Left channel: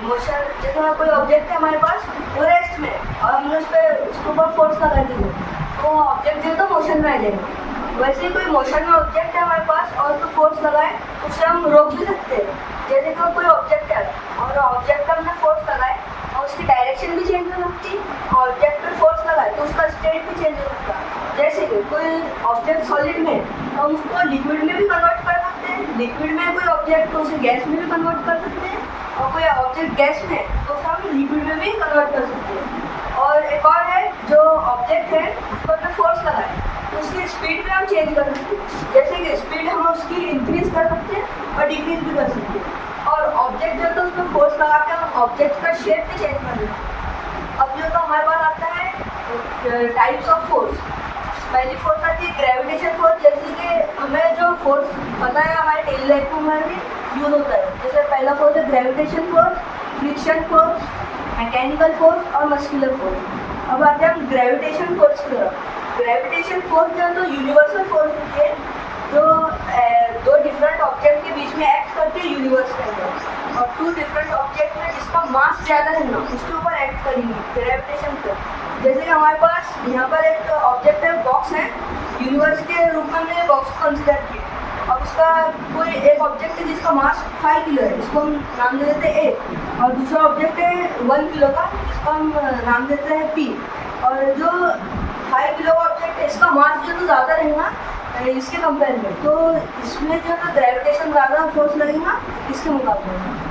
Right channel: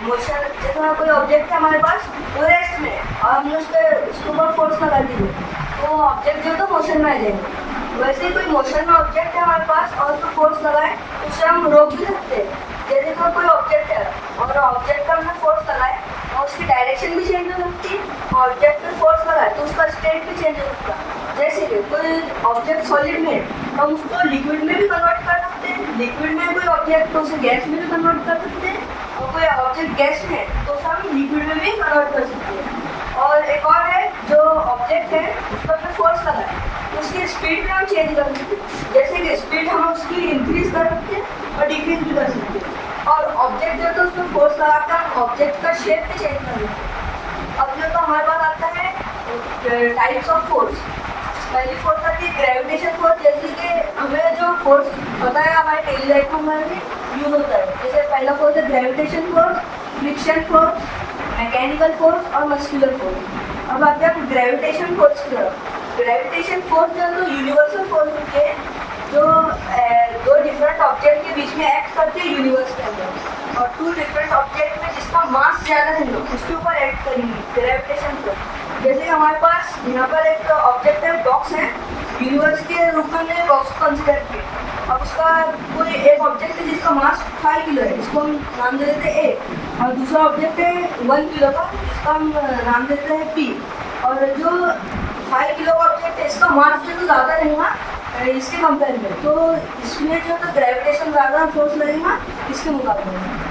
Motion, जैसे कोई object है हमारे पास, वो रेस्ट में है और हमने उसके ऊपर फोर्स लगा दी तो ऑब्जेक्ट जो है तो मोशन में आ जाएगा। वैसे ही कोई मोशन में ऑब्जेक्ट है हमारे पास और उसको फोर्स लगाए उससे हम रोक भी सकते हैं। जैसे कि कोई ऑब्जेक्ट है और ऑब्जेक्ट पर हमने फोर्स लगाए और उसकी डायरेक्शन भी चेंज हो सकती है, ऑब्जेक्ट पर फोर्स लगाए तो उसका स्टेट भी चेंज हो सकता है। जैसे कि कोई ऑब्जेक्ट सॉलिड में है, हम उसको लिक्विड में भी कन्वर्ट कर सकते हैं, लिक्विड में कोई ऑब्जेक्ट तो उसे गैस में भी कन्वर्ट कर सकते हैं, और कोई ऑब्जेक्ट गैस में है तो उसे हम लिक्विड में भी कन्वर्ट कर सकते हैं। और एक और है, जो ऑब्जेक्ट है उस पर हमने फोर्स लगाए उसकी स्पीड भी हम चेंज कर सकते हैं। जैसे कि स्पीड हम उसकी इंक्रीज कर सकते हैं और डिक्रीज भी कर सकते हैं। और ऑब्जेक्ट जो तो उसको फोर्स लगा के हम ऑब्जेक्ट का शेप भी चेंज कर सकते हैं। अब जो तो हमारे पास आता है टाइप्स ऑफ फोर्स। पहली फोर्स आती है ग्रेविटेशन फोर्स, जैसे कि हमें जो फोर्स पता है हमारे डेली लाइफ में हमारे यूज होता है। जैसे पहला फोर्स है gravitation force, friction force, mechanical force और मस्कुलर फोर्स। अब आते हैं ग्रेविटेशन फोर्स की तरफ। ग्रेविटेशन फोर्स जो है तो यूनिवर्सल फोर्स होती है जो दो डिफरेंट ऑब्जेक्ट के बीच में एक्ट करती है यूनिवर्स के अंदर, और टू डिफरेंट ऑब्जेक्ट में जिसका मास ज़्यादा है उसके ऊपर एक्ट करेंगे ग्रेविटेशन फोर्स। जैसे हमारे पास यहाँ पर एक ऑब्जेक्ट है, बॉक्स है, यूनिवर्स के रूप में हमने बॉक्स को कंसिडर किया। अब उसका कोई एक ऑब्जेक्ट है जिसका मास 5 किलो है, इसको हम नाम दे देते हैं ए, और दूसरा ऑब्जेक्ट है 1 किलो का, जिसका हम नाम देते हैं पी। और जो 5 किलो का ऑब्जेक्ट है इसका मास जो तो ज़्यादा रहेगा इसके कंपेयर में, तो इसमें जो तो ग्रेविटेशन ज़्यादा फोर्स लगेगा इसके मुकाबले में।